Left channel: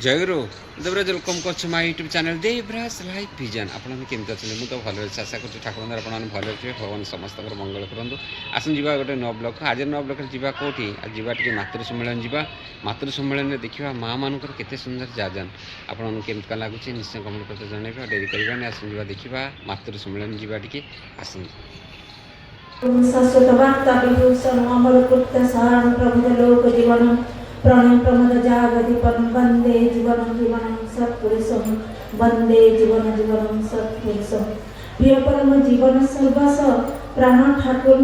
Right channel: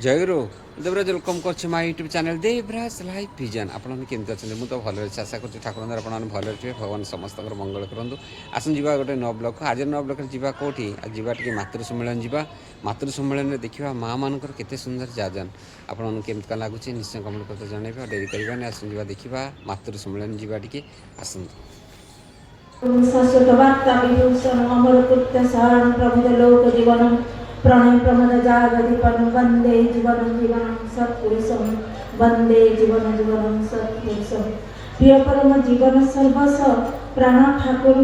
जयगुरु Devraj welcome कर my YouTube channel Devraj life vision आपने केमती अच्छे मुझे तो भल आशा कर ठाकुर आप भल थे भगवान समस्त मंगल करूँ आसन जा गोटे नव ब्लक आज नव ब्लक जा कौटी जा टे मातृ सम्मेलन जा मातृ सम्मेलन देखा माँ मानकर केते सुंदर जाजन आपन केमती लगुच निश्चय कमेंट करते जनइबा डेरी करवानी आसन जा देखा मातृ सम्मेलन जा टे आसन शाश्वत वार्ता विभूषण अमर कृत्य शरण प्रभुद लोक जीवन प्रणय प्रमद जागदीपन वंदे जीवन जीवन सत्पुरुषम वंदे जीवन जीवन सत्पुरुषम प्रिय परम जीवन सर्वस्व प्राण ठाकुर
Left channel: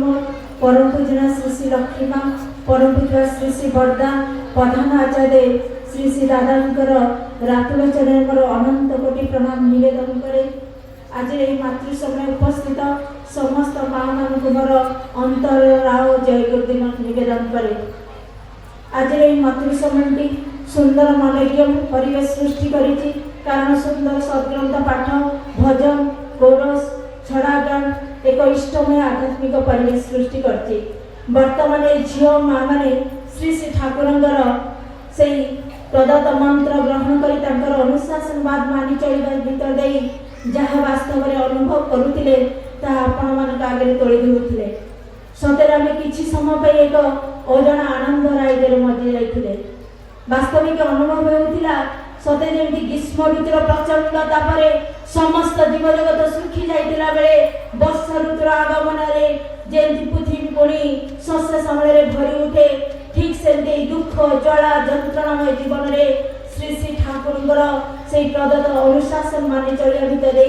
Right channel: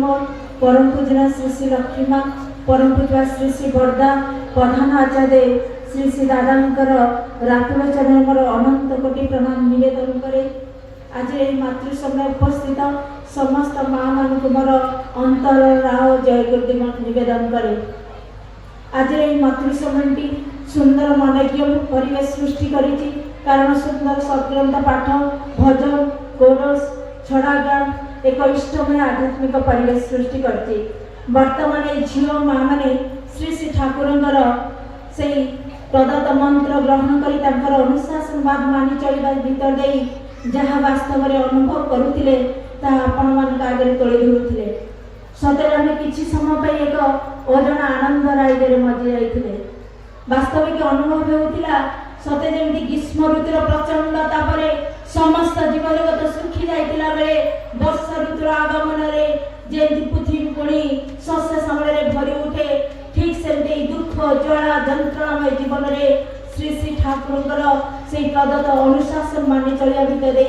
परम पूजना श्री श्री लक्ष्मी परम पूजा श्री श्री बरदा प्रधान आचार्य श्री श्री दादांकर रातुल चरण अनंत कोटि प्रणाम निवेदन करे आज यही मातृ समय उपस्थित समस्त माँ मान मोर अंतर राव जय गुरुदेव निवेदन करे आज यही मातृ समय सुंदर मनज्ञ परिवेश सृष्टि करिछि कारण सुंदर सद्ग्रंथ पाठ भजन कोरस छड़ा गान एक इष्टमय आध्यात्मिक परिवेश सृष्टि करछि वर्तमान झील माँ मैंने श्री श्री ठाकुरंकर से प्रदत्त मंत्र ग्रहण करी तांकर अनुशासनवाद मानि चलिबा भीतर देई जहाँ वास्तव में अनुभव करुथिले ता आपण मान आगे तोली धरुथिले सतरे आम किछि समय एक अजना आनंद राइडे मजी जाइथिले वास्तविक अनुभव होउथिला सते जेमति ग्रीष्म ऋतुर प्रचंड तापरे समस्त जीव जगत सुखी जाइथिला बेले वर्षा ऋतुर आगमन रे जेमति पृथ्वी पुणी शस्य समरे भरी उठे ठीक सेमति दुख ज्वाला यंत्रणामय जीवन रे श्री श्री ठाकुरंकर से प्रदत्त अनुशासन मानि चलिया भितर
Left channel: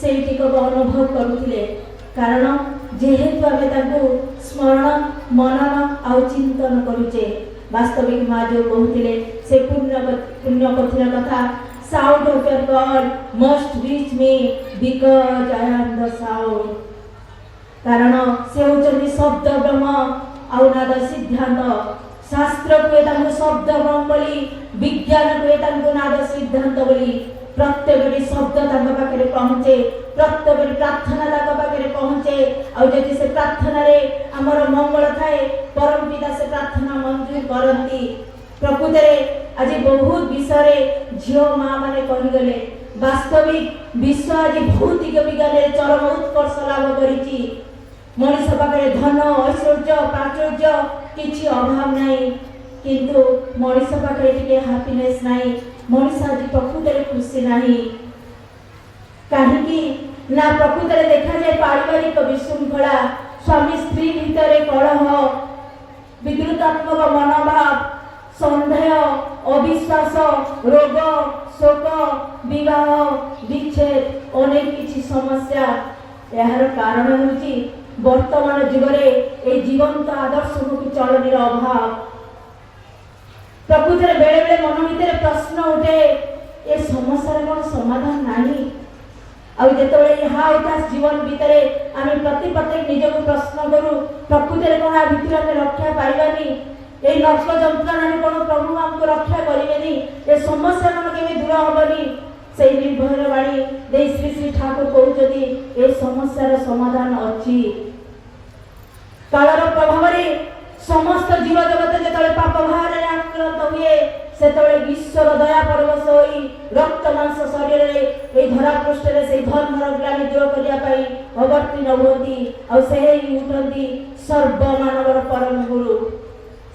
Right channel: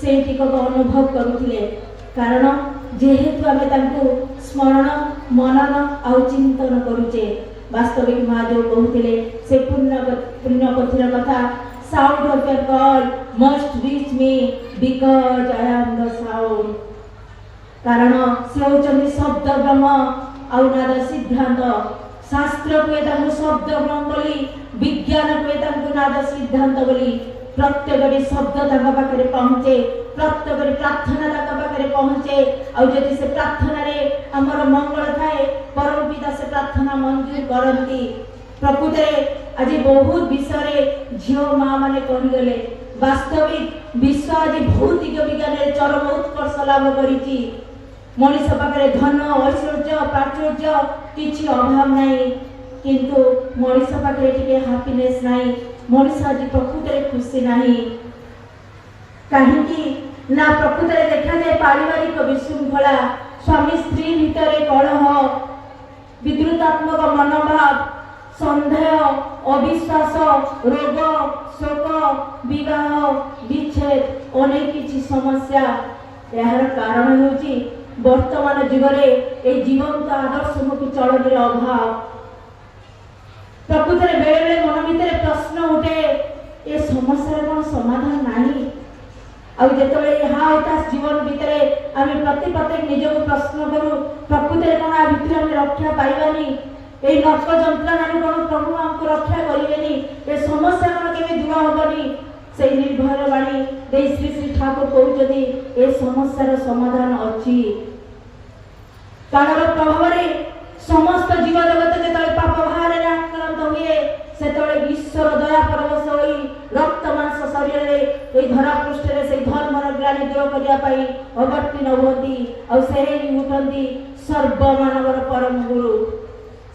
से टिकक अनुभव करुथिले कारण जेहेतु आमे तांको स्मरण मनन आउ चिंतन करुचे वास्तविक माँ जो कहते से पुण्य कथिर कथा sound of your call must reach me because I am the sound कारण से होचंदी शब्द ब्रह्म आउ नाद सिद्धांत शास्त्र को तांको शब्द ब्रह्म बोली विज्ञान को तांको नाद सिद्धांत बोली प्रत्येक शब्द तांका पाखे पहुँचे प्रत्येक प्रार्थना तांका पाखे पहुँचे आउ जदि से प्रार्थना रे हमर मंगल थाए परम पिता से प्रार्थना मंजूर करती प्रकृत रे आज बहुत विषय झील माँ माने कहीगले वास्तविक विश्व आज भौतिक विज्ञान रे चरम उत्कर्ष लाभ करिछि मनुष्य पाखे धन ऐश्वर्य प्राचुर्य किछि अभाव नहीं किंतु मनुष्य पाखे टिके हैप्पीनेस नहीं मनुष्य आज प्रकृत रे खुशी नहीं कहीं ना प्रकृत रे देखा जाए पारिवारिक विशृंखला स्वामी स्त्री भितर कलह विद्रुतात्मक मनोभाव सन्देह अविश्वास रोग शोक विवाह विच्छेद अनेक किछि समस्या यार कारण होची वर्तमान जुगरे ए जीवंत आदर्शमुखी चलनी अभाव प्रकृत बेले बेले मन भितर प्रश्न उठे ए समस्या कौन समाधान नहीं आउ जेतबेले यहाँ इतिहास जीवन भितर आम प्रति प्रत्येक निजक प्रश्न करूँ प्रकृत कौन आ भितर आम रक्षा पाइबानी ये नर्क जंत्रणा कौन प्रभु आमको रक्षा करेनि ये समस्या कौन के दूर हेनी से निर्भर बाणी दे श्री श्री ठाकुर कहते ए समस्यार समाधान अच्छी कालर प्रभाव समस्त जीव जगत जो पाप भार आक्रांत हुए से ईश्वर दया परवश होई रक्त मांस शरीर रे धरा पृष्ठ रे से धर्मर ग्लानि दूर करने अवतीर्ण होती और से ही उठती सर्वमानवर परम गुरु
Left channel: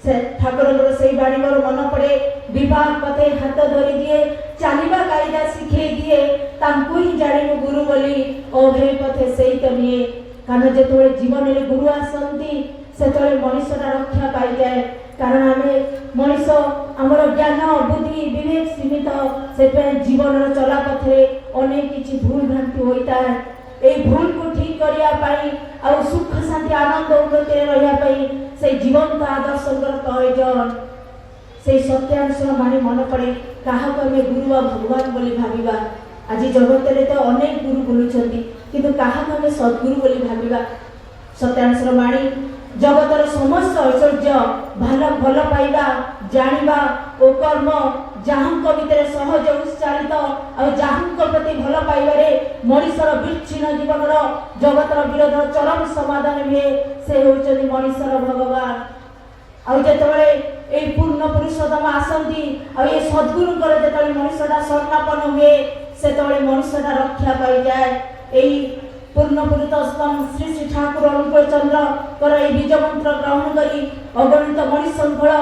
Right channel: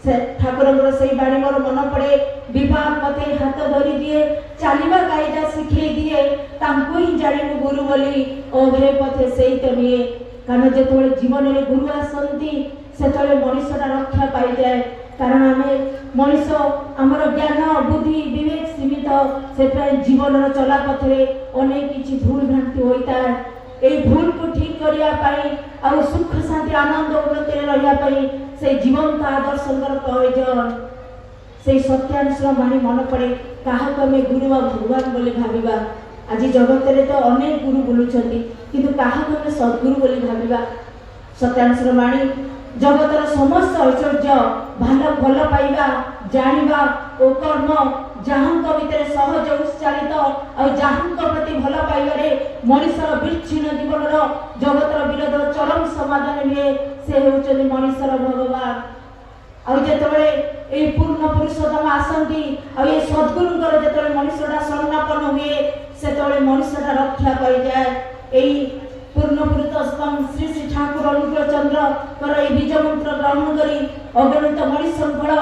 से ठाकुर से बाणी मोर मन पड़े विवाह पथे हाथ धरी दिए चलवा कायदा शिखे दिए तांको ही जाणु गुरु बोली अभय पथे से तो निए कारण जो जीवन में गुरु आसती से मनुष्यटा रक्षा पाई जाए कारण आम मनीष आमर ज्ञान बुद्धि विवेक सीमित से जीवन चला पथे अनेक किसी भूल भ्रांति होता है ये भूल को ठीक करने और सुख शांति आनंद उन्नति रही से जीवंत आदर्श प्रयोजन से सत्यांश मानी मन पड़े क्या गुरु व भगवान बोली भाविबा आज जगत में तो अनेक गुरु बुलूं किंतु क्या सद्गुरु बोली भाविबा सत्यांश बाणी जगतर समस्त ऐश्वर्य भल भल पाइबा जानिबा ओ कर्म जहाँ भितर सहज उत्साहित और जहाँ प्रति भल पाइबारे मनुष्यर विच्छिन्न जीवन जगतर विरोध चरम समाधान हुए से होउछन्ति मनुष्यर भगवान और जेतबेले এই ପୂର୍ଣ୍ଣ ପୁରୁଷୋତ୍ତମ ଆସନ୍ତି ଆଉ ଏ ସଦ୍ଗୁରୁଙ୍କର ଯେତେବେଳେ ମଣିଷଟା ଶରଣାପନ୍ନ ହୁଏ ସେତେବେଳେ ମଣିଷଟା ରକ୍ଷା ପାଇଯାଏ। ଏଇ ପୂର୍ଣ୍ଣ ପୁରୁଷୋତ୍ତମ ଶ୍ରୀ ଶ୍ରୀ ଠାକୁର ଅନୁକୂଳଚନ୍ଦ୍ରଙ୍କର এই বীজ মন্ত্র গ্রহণ କରି অগণিত মଣିଷ শৃঙ্খଳ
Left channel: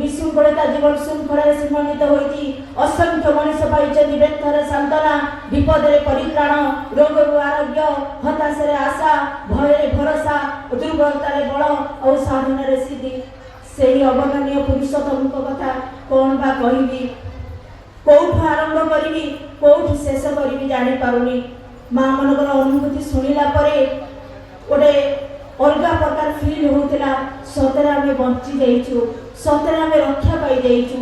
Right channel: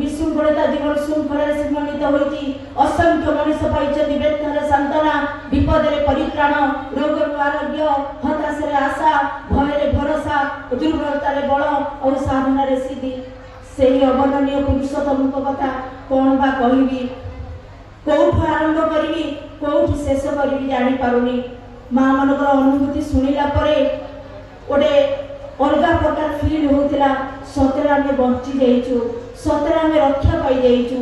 বিশৃঙ্খଳିତା ଜୀବନ ଶୃଙ୍ଖଳାରେ ସୀମାନ୍ୱିତ ହୋଇଛି। ଅସଂଖ୍ୟ ମଣିଷ ପାଇଛନ୍ତି ବ୍ୟଥାରେ ସାନ୍ତ୍ୱନା, ବିପଦରେ ପରିତ୍ରାଣ, ରୋଗରୁ ଆରୋଗ୍ୟ, ହତାଶରେ ଆଶା, ଭୟରେ ଭରସା, ଦୁର୍ବଳତାରେ ବଳ ଆଉ ସାଧନାରେ ସିଦ୍ଧି। ସେହି ଅବର୍ଣ୍ଣନୀୟ ପୁରୁଷୋତ୍ତମଙ୍କ କଥା କ'ଣ ବା କହିବି, କୋଉଠୁ ଆରମ୍ଭ କରିବି କୋଉଠୁ ଶେଷ କରିବି ଜାଣିପାରୁନି। ମା ମାନଙ୍କର ଅନୁଭୂତି ଶୁଣିଲା ପରେ ଗୋଟେ ଅଲଗା ପ୍ରକାର ଫିଲ୍ ହେଉଥିଲା। ସତରେ ଆମେ ବଞ୍ଚି ଯାଇଛୁ, ସତରେ ଆମେ ରକ୍ଷା ପାଇଯାଇଛୁ।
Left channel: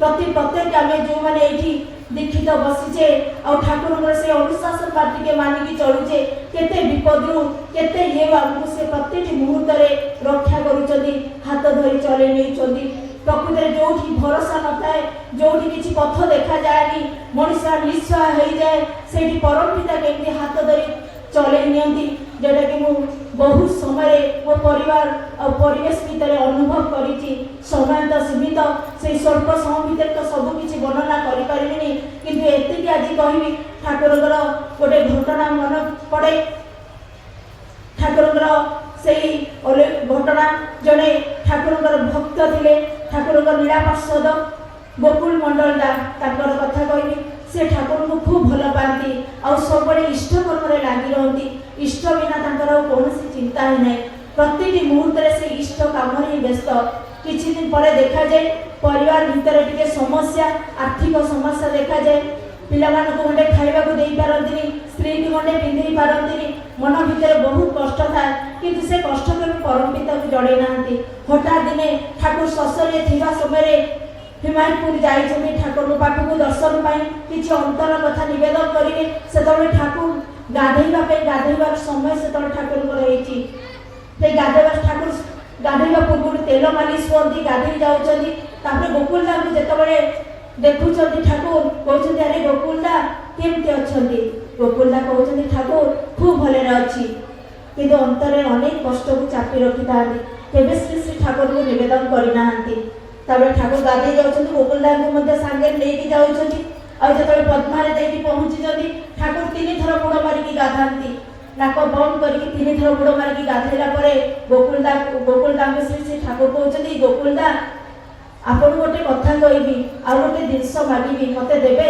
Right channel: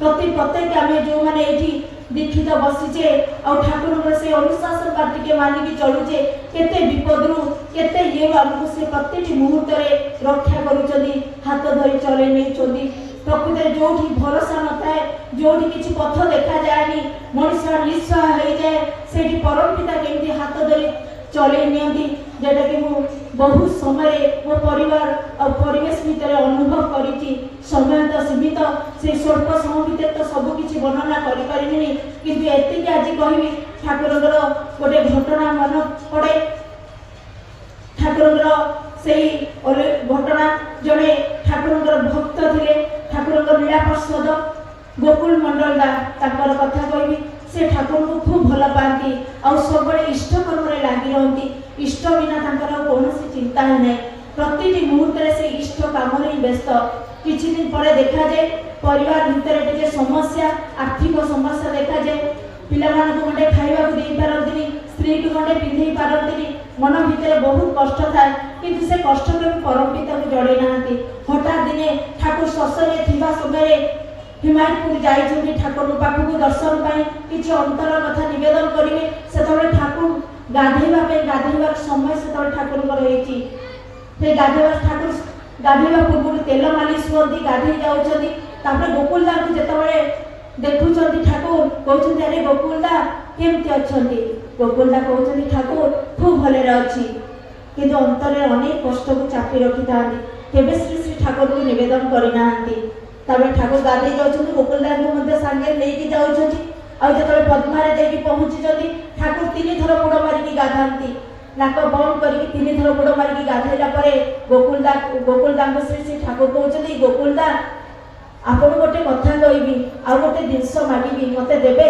ପ୍ରତ୍ୟେକ ଆମେ ଯେଉଁମାନେ ଏଇଠି ଦୀକ୍ଷିତ ବସିଛେ ଆଉ ଠାକୁରଙ୍କର ସେ ଅନୁଶାସନ ଟିକେ ମାନିକି ଚଳୁଛେ, କେତେ ବିପଦରୁ କେତେ ଇଏରୁ ଆମକୁ ସେ ପ୍ରତିଟି ମୁହୂର୍ତ୍ତରେ ରକ୍ଷା କରୁଛନ୍ତି, ହାତ ଧରି ଚଲେଇ ନେଉଛନ୍ତି। ପ୍ରକୃତରେ ଯୋଉଠି ଭରସା ନଥାଏ, ଯୋଉଠି କିଛି ପଥ ଦେଖାଯାଏନି, ମଣିଷ ନିଃସହାୟ ହେଇଯାଏ, ସେଇଠି ପରମ ପିତା କେମିତି ହାତ ଧରି ଚଲେଇ ନିଅନ୍ତି, ଯେଉଁଟାକି ମୁଁ ବହୁତ ସମୟରେ ମୋ ପରିବାର ଆଉ ପରିବେଶ ଭିତରେ ଅନୁଭବ କରିଛି। ସମୟ ତ ସୀମିତ, ସେଇ ସ୍ୱଳ୍ପ ସମୟ ଭିତରେ ତ ସବୁ କିଛି ବର୍ଣ୍ଣନା କରିପାରିବିନି, କିନ୍ତୁ ଏତିକି ଆଜି କହିବି ଠାକୁରଙ୍କର ଗୋଟେ ଘଟଣା ମନେ ପଡ଼େ। ଠାକୁରଙ୍କର ସେଇ ଘଟଣା, ଜଣେ ଠାକୁରଙ୍କର ଭକ୍ତ ଥିଲେ, ଠାକୁରଙ୍କ ନୀଳା ପାର୍ଷଦ ଗୋକୁଳ ମଣ୍ଡଳଦା, ତାଙ୍କର କଥା କହିବି। ସେ ଠାକୁରଙ୍କୁ ଖୁବ୍ ଭଲ ପାଆନ୍ତି ଆଉ ସବୁବେଳେ ଇଷ୍ଟ କର୍ମରେ ଲାଗି ରହନ୍ତି। ଇଷ୍ଟ ବିନା ତାଙ୍କର କୌଣସି ଚିନ୍ତା ହିଁ ନାହିଁ, ପ୍ରତିଟି ମୁହୂର୍ତ୍ତରେ ସେ ଇଷ୍ଟ କାମରେ ହିଁ ବ୍ୟସ୍ତ। କିଛି ଦିନ ପରେ ଦେଖାଯାଏ ପରିବାର ଭିତରେ ଟିକେ ସମସ୍ୟା, ଆର୍ଥିକ ସମସ୍ୟା ଦେଖାଯାଏ। ପିଲାମାନଙ୍କୁ ଗଣ୍ଡେ ଖାଇବାକୁ ଦେଇପାରନ୍ତିନି, ସ୍ତ୍ରୀକୁ ଗଣ୍ଡେ ପିନ୍ଧେଇ ପାରନ୍ତିନି, ମନ ଭିତରେ ବହୁତ କଷ୍ଟ ଥାଏ, କିନ୍ତୁ ସେ କଷ୍ଟ କେବେ ପରମ ପିତାକୁ ଜଣେଇ ନାହାନ୍ତି। ହଠାତ୍ ଦିନେ ଠାକୁର ଶଶରେ ଥିବା ସମୟରେ ହିମାୟତପୁର ଯାଇଛନ୍ତି ଠାକୁରଙ୍କ ପାଖକୁ ଦର୍ଶନ ପାଇଁ, କିଛି ଅନ୍ତର କଥା ନିବେଦନ କରିବେ। ସେତେବେଳେ ଠାକୁର ଗାଧେଇବାର ସମୟ ସେତେବେଳେ ଠାକୁରଙ୍କର ହେଇଛି। ସେ ଠାକୁର ଗାଧେଇବା ପୂର୍ବରୁ ତେଲ ମାଲିସ ହୁଅନ୍ତି, ଗାଧେଇ ଯାଉଛନ୍ତି। ତାପରେ ଗୋକୁଳଦାଙ୍କୁ ଯେତେବେଳେ ଦେଖୁଛନ୍ତି ଠାକୁର କହୁଛନ୍ତି, ଆରେ ଗୋକୁଳଦା କେମିତି ଅଛନ୍ତି? ଗୋକୁଳଦା କହୁଛନ୍ତି, ଠାକୁର ଖୁବ୍ ଭଲରେ ଅଛି, କିନ୍ତୁ ଅନ୍ତରରେ ଅନେକ କଷ୍ଟକୁ ଚାପି ରଖିଥାନ୍ତି, କେବେ ଶ୍ରୀ ଶ୍ରୀ ଠାକୁରଙ୍କୁ ନିବେଦନ କରିନାହାନ୍ତି। ତାପରେ ଠାକୁର ଗାଧେଇ ଯାଉଛନ୍ତି, ଗୋକୁଳଦାଙ୍କୁ ମଧ୍ୟ ସାଙ୍ଗରେ ନେଇକି ଯାଉଛନ୍ତି। ଆଉ ଯେତେବେଳେ ପଦ୍ମାରେ ଦେଇକି ପହଞ୍ଚିଛନ୍ତି, ଠାକୁର 3 ଥର ବୁଡ଼ ମାରିକି ଗାଧାନ୍ତି, ନାକ ବନ୍ଦ କରିକି 3 ଥର ବୁଡ଼ ମାରିକି ଗାଧେଇଲା ପରେ ଗୋକୁଳଦାଙ୍କୁ ଶ୍ରୀ ଶ୍ରୀ ଠାକୁର କହୁଛନ୍ତି, ଗୋକୁଳଦା ଆପଣ ଗୋଟେ କଥା କହିବି, ଆଉ ଗୋଟେ ଜିନିଷ ମାଗିବି, ମତେ ଦେବେ?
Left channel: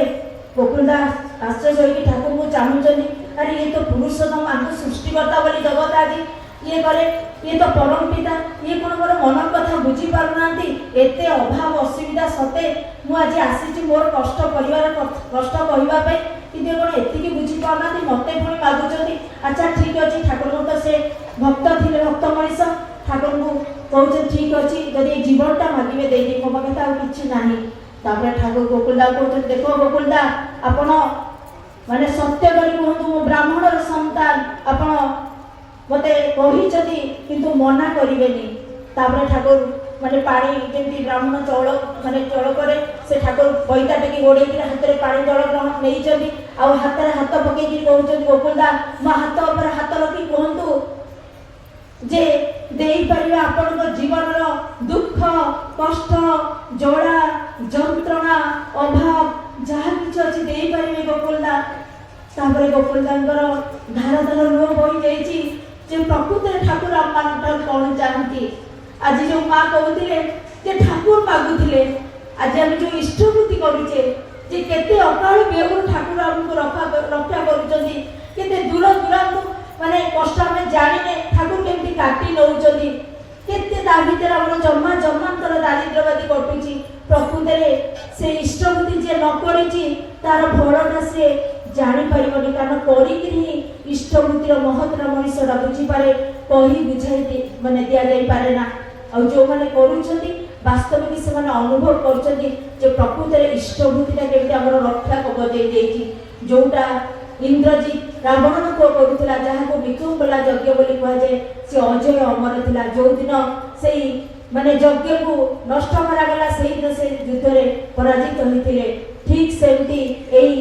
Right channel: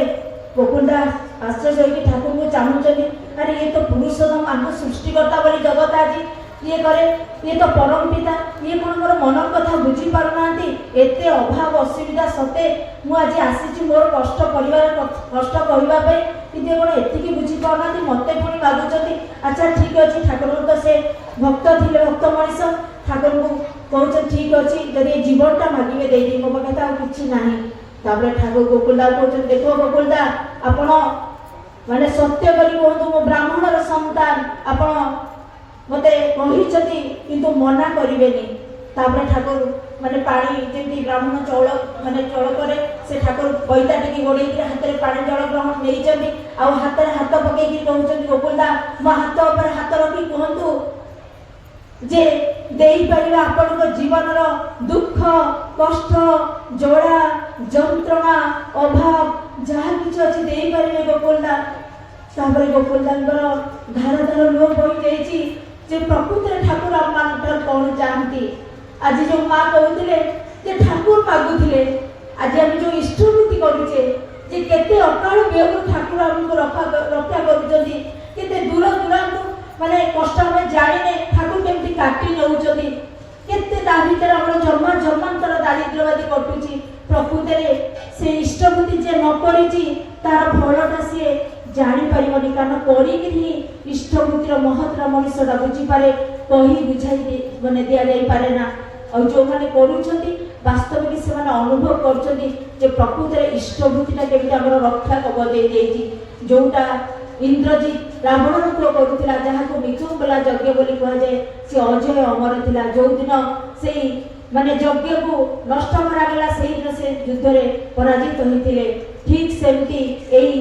ଗୋକୁଳଦା ଆଶ୍ଚର୍ଯ୍ୟ ହୋଇକି ଠାକୁରଙ୍କୁ ଚାହୁଁଛନ୍ତି, ଆରେ ଇଏ ତ ପୁରୁଷୋତ୍ତମ, ଆଙ୍କୁ ସୃଷ୍ଟିକର୍ତ୍ତା ବୋଲି ଜଗତ ଆଜି ଇଏ କରେ, ଇଏ ତ ପରମ ପିତା, ଇଏ କ'ଣ ମୋର ମନର କଥା ବୁଝିପାରୁନାହାନ୍ତି? ଏତେ ଅଭାବ ଅସୁବିଧା ସତ୍ତ୍ୱେ ମୁଁ ଆଜି ଆସିଛି ମୋର କଷ୍ଟ କଷ୍ଟ କହିବା ପାଇଁ, କିନ୍ତୁ କ'ଣ ଏତିକି ବୁଝିପାରୁନାହାନ୍ତି? ମତେ ପୁଣି ମାଗୁଛନ୍ତି। ଆଚ୍ଛା ଠିକ୍ ଅଛି, ଠାକୁରଙ୍କୁ ତ ସେ ଭକ୍ତ ଥିଲେ, ଭକ୍ତ ମଣିଷ, ଠାକୁରଙ୍କୁ କହୁଛନ୍ତି ଠିକ୍ ଅଛି, ଯଦି ଏ ଜୀବନଟା ମାଗିବେ ଦେଇଦେବି, ମୋ ପାଖରେ ଆଉ କିଛି ନାହିଁ। ତାପରେ ଠାକୁର ଗୋକୁଳଦା କହୁଛନ୍ତି, ଦେଖ ଗୋକୁଳଦା, ଆପଣ ମାନେ ସତ୍ୟ କରି କୁହନ୍ତୁ, ମୁଁ ବ୍ରାହ୍ମଣର ସନ୍ତାନ, ଆପଣ ମତେ କହିଛନ୍ତି କିନ୍ତୁ ମନା କରିବେନି। ତାପରେ ଠାକୁର ମାନେ ପାଣି ଯେମିତି ବ୍ରାହ୍ମଣ ଚଳ କରେ, ସେ ଠାକୁର ବଇତା ଟିକେ ଗୋଡ଼େଇକି ହାତରେ ପାଣି ଜଳ ଗ୍ରହଣ ନେଇଛନ୍ତି, ଆଉ ହାତରେ ହାତ ପକେଇକି କହୁଛନ୍ତି, ଗୋକୁଳଦା ମୋ ହାତ ଉପରେ ହାତ ରଖି କୁହନ୍ତୁ ଯେ ଦେଇପାରିବେ ଆପଣଙ୍କ ଜୀବନର ଦୁଃଖ, କଷ୍ଟ, ଜଳା, ଯନ୍ତ୍ରଣା, ଅଭାବ ଯାହା କିଛି ଅଛି ଦେଇପାରିବେ ଗୋକୁଳଦା। ତାପରେ ଗୋକୁଳଦାଙ୍କର ଧାର ଧାର ଲୁହ ବୋହି ଯାଇଛି ଯେ ପ୍ରକୃତରେ ଠାକୁର ଆମମାନଙ୍କର କ'ଣ ଚାହାନ୍ତି। ଆଜି ଯେଉଁ ମା କହୁଥିଲେ ଯେ ଠାକୁର ମାଗୁଥିଲେ, ଆଜି ଆମେ ଯେଉଁ ଇଷ୍ଟବୃତ୍ତି କରୁଛେ, ଯେ କେତେ ଅକାଳ ବିୟୋଗରୁ ଠାକୁର ଆମକୁ ରକ୍ଷା କରୁଛନ୍ତି, କେତେ ଦୂର ଦୂରାନ୍ତୁ ମାନେ କଷ୍ଟ ଆମେ ଜାଣିନେ ଠାକୁର କେମିତି କାଟି ନେଉଛନ୍ତି, କେତେ ତା ଭିତରେ ଆମର ଜନ୍ମାନ୍ତର ଦାରିଦ୍ର୍ୟବାଦୀ କଟୁଛି। ପ୍ରକୃତରେ ସେ ଇଷ୍ଟବୃତ୍ତି ଯିଏ ନ କରିଛି ତାର ଫଳଟା ସିଏ ଜାଣିପାରିବନି, କାରଣ କରିକିରି ହିଁ ଇଷ୍ଟବୃତ୍ତିର ମହତ୍ତ୍ୱ ମଣିଷଟା ବୁଝିପାରେ, କହି ବୁଝାଇ ଦିଆଯାଇପାରେ ନା। ଆଉ ଯେଉଁମାନେ କରୁଛନ୍ତି ବାସ୍ତବିକ ସେମାନେ ଅନୁଭବ କରୁଛନ୍ତି ଯେ ପ୍ରକୃତରେ ଇଷ୍ଟବୃତ୍ତିଟା କେମିତି ଆମର ରକ୍ଷା କବଚ ଦେଇଛି। ଯେଉଁଟା ଇନ୍ଦ୍ରଜିତ ରାବଣର ପୁଅ କରୁଥିଲା, ଯାହାକୁ ବିକୁଙ୍ଗଲା ଯଜ୍ଞ ବୋଲି କୁହାଯାଏ, ସେ ଅଜୟ ଅମର ଥିଲା। ଯେଉଁଦିନ ସେଇ ଯଜ୍ଞକୁ ନଷ୍ଟ କରାଗଲା, ସେଇଦିନ ସେ ଯୁଦ୍ଧରେ ପରାଜିତ ହୋଇଥିଲେ। ଠିକ୍ ସେମିତି ଏଇ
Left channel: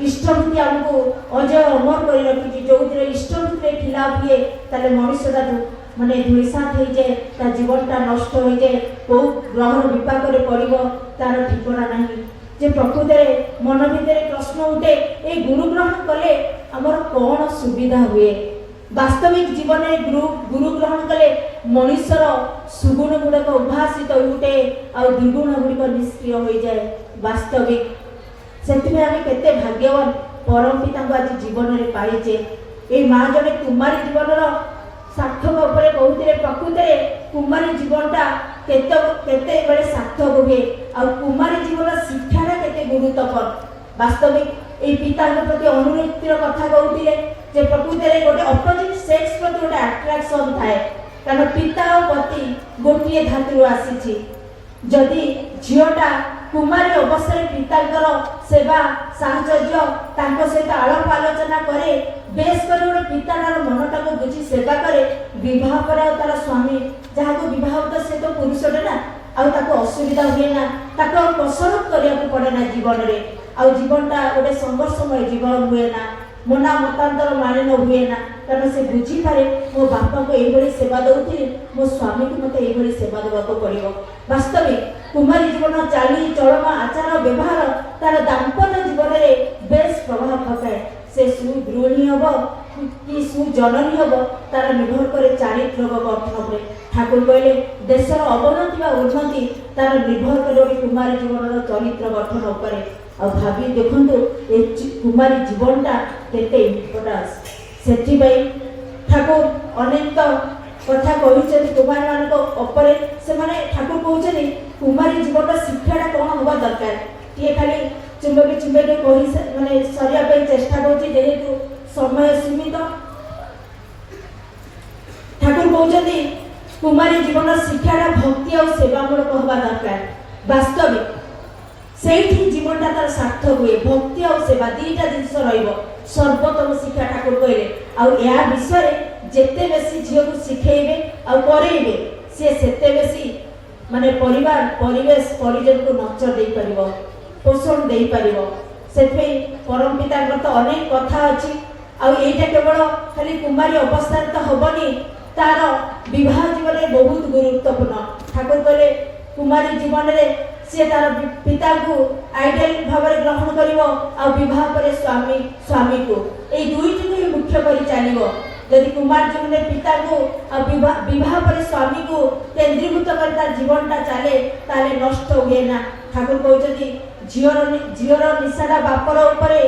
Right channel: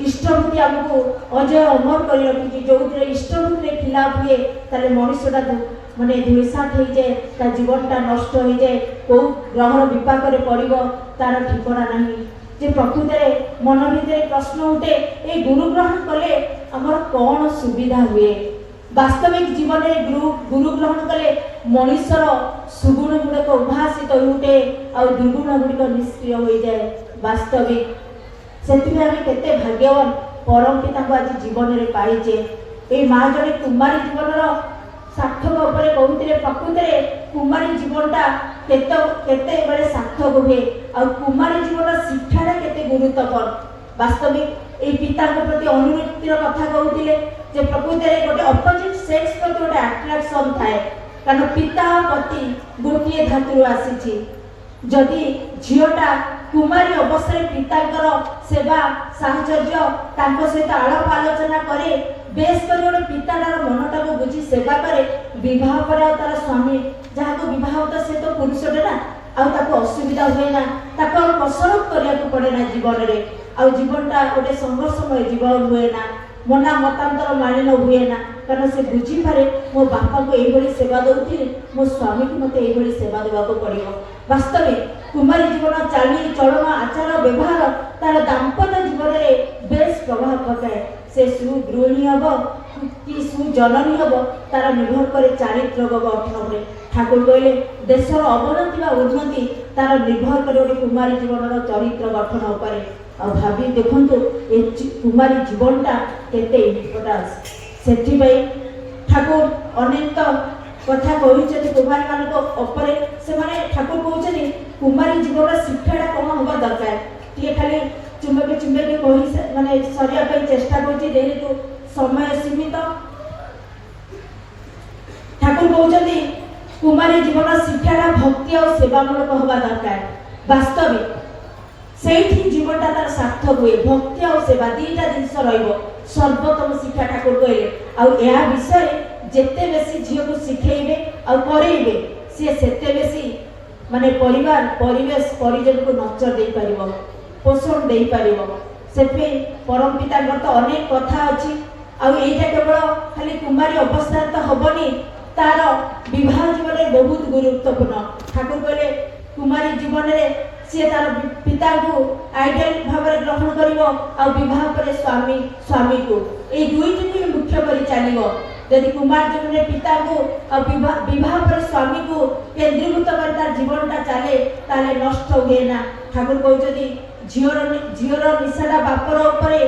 इष्टवृत्ति आमको अजय अमर कर रखी जो इष्टवृत्ति खिलाफ हुए ताले मनुष्यटा माने धूलिसात हो जाए ता जीवनटा नष्ट हो जाए कौ ग्रहर विपाक पड़ो तार ठिकना नहीं जे प्रकृत मन भितर प्रश्न उठे ये गुरु ग्रहण कले आमर कौन सुविधा हुए वास्तविक जीवन में गुरु ग्रहण कले मनुष्यर सुगुण गुड़क उद्भासित उठे और दुर्गुण गुड़िक निष्क्रिय हो जाए वास्तविक से केते भाग्यवान परम पिता आज जीवन में पाइचे ये माँ जड़े कुमारी जीवन सार्थक उपर कहते प्रकृत कुमारी जीवनटा केते बेले सार्थक हुए और कुमारी जीवन शिक्षाटा केते गुरुत्वपूर्ण वास्तविक ये पिता प्रति अनुरक्तिर कथा कहते जे प्रकृत गोटे अपोजिट सेक्स प्रति गोटे अट्राक्शन थाए कारण पिता और पति गोटे धातु आसी जदि झीटा कुमारी अवस्था पितांकर सेवा साहचर्य सहित आलाप आलोचना करे बेस कर गोटे पिताटार मनटा को बुझी सेवा करे विवाह पर तार स्वामी जहाँ को विवाह तो से तो पुरुषटे ना आउ असुविधा हुए ना कसरत करने पड़े ना जीवन में आउ जीवनटा गोटे संघर्षमय जीवन हुए ना मना मतांतर मानिन हुए ना कारण से बुझी पारे मो बापा को यही सेवा दौथी मो स्वामी को मत यही सेवा देवा पड़ो वास्तविक कुमारी जीवन चाली चलन आचार व्यवहार तार दाम्पत्य जीवन में बेस प्रभाव पकाए से सुगृहिणी हम कि सुजननी हम तार निर्भर करे चारित्र गठन में ठाकुर कहले देशर अवनति व उन्नति तार निर्भर करे गोटे कुमारी जीवन चरित्र गठन उपरे और भाभी देखंतु ए कुमारी जीवनटा केते इम्पोर्टेंस सेठी ठाकुर अनेक कथा कही कुमारी मान से ठाकुर कहते कुमारी जीवन शिक्षाटा कौन हवा दरकार टे खाली चुंबक चुंबक कही माने सरिया चेष्टा करेतु समय सीमित ठाकुर कहते कुमारी जीवन शिक्षाटा भक्ति और सेवामूलक हवा दरकार वास्तविक से जीवनटा तार सार्थक हुए भक्ति और सेवा दीटा जिनस सर्वोत्तम शिक्षा ठाकुर कहले आ विषय जेते बेसी झील को शिखेबे और करेबे से बेसी माने परिवार परिवेश परिजन को नचर दे परिबो पोषण दे परिबो सेपे परम पिता तो अनेक कथा अछि आ एटा केवल खाली कुमारी अवस्था तो हबनी तार विवाह जीवन में बहुत गुरुत्वपूर्ण ठाकुर कहले कुमारी जीवन में से तार पिता को आइडियल भाव में ग्रहण करिवो और विवाह पर स्वामी स्वामी को ए दुईटी को ही मुख्य करी चलिवो यदि कुमार जीवन में पिता को और विवाह पर स्वामी को केंद्रीभूत कर तार जीवनटा चले ताले नष्ट हुए ना ठाकुर कहते झीवर निशाटा बापर उपरे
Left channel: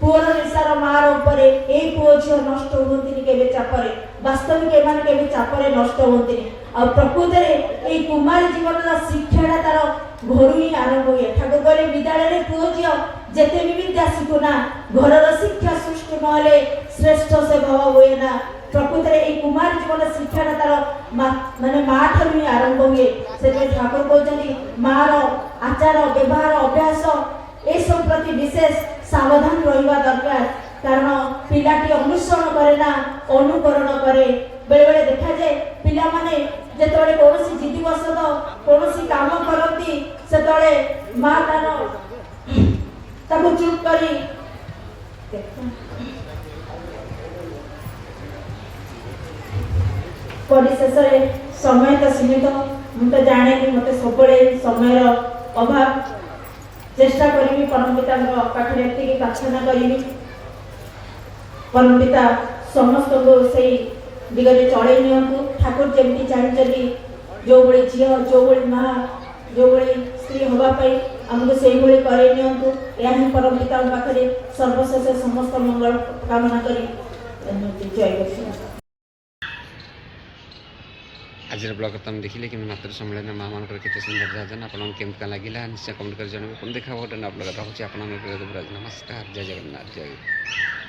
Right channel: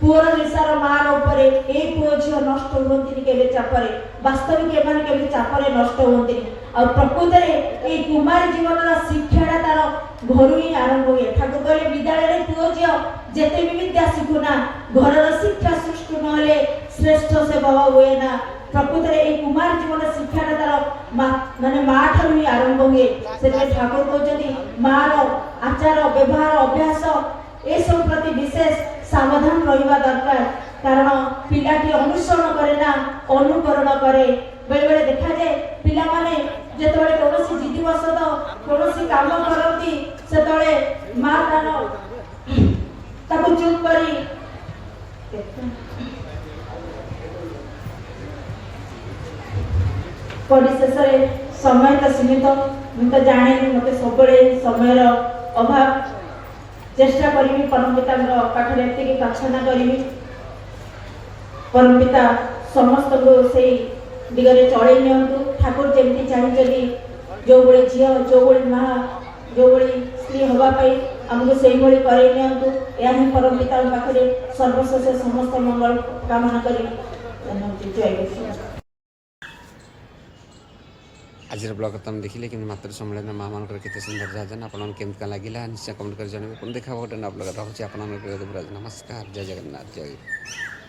पुअर निशार मार उपरे ए पुओ झील नष्ट होती केवे चापरे वास्तविक एमान केवे चापरे नष्ट होती और प्रकृत में ये कुमार जीवन शिक्षाटा तार घर ही आरंभ हुए ठाकुर कहले विद्यालय पुओ झील जेते भी विद्या शिखुना घर शिक्षा सृष्टि नहले श्रेष्ठ से भाव हुए ना प्रकृत में कुमार जीवन शिक्षाटा तार माने माँ ठार ही आरंभ हुए से ठाकुर कहते मार आचार व्यवहार अभ्यास ए सब प्रति विशेष सावधान रहिबा दरकार कारण पिलाटी अनुसरण करे ना अनुकरण करे बेले बेले देखा जाए पिला माने जेतबे कोनोसी जिद्दीवशत कोनोसी काम करती सेतबे मां ताको चुप करी पढ़ी शेष समय तो सीमित मुझे जाने मत सब समय अभाव चेष्टा करी परम पिता पाखे एति प्रार्थना करी परम पिता समस्त को से दिगरे चढ़े नियंतु ठाकुर जमी चाहिए जो भाई झी जो भाई माँ जो भाई स्त्री हाँपाई आमको से भाई करे नियंतु या ही परम पिता पाखे सर्वशेष समस्त मंगल कामना करी जय आज ब्लग तुम देखिले कि मातृ सम्मेलन माँ मान के सुंदर जान आपमती लगे निश्चय कमेंट कर जनइबे पुनः देखा गोटे ब्लग रखुच्छी आप नमस्कार जय जगन्नाथ जय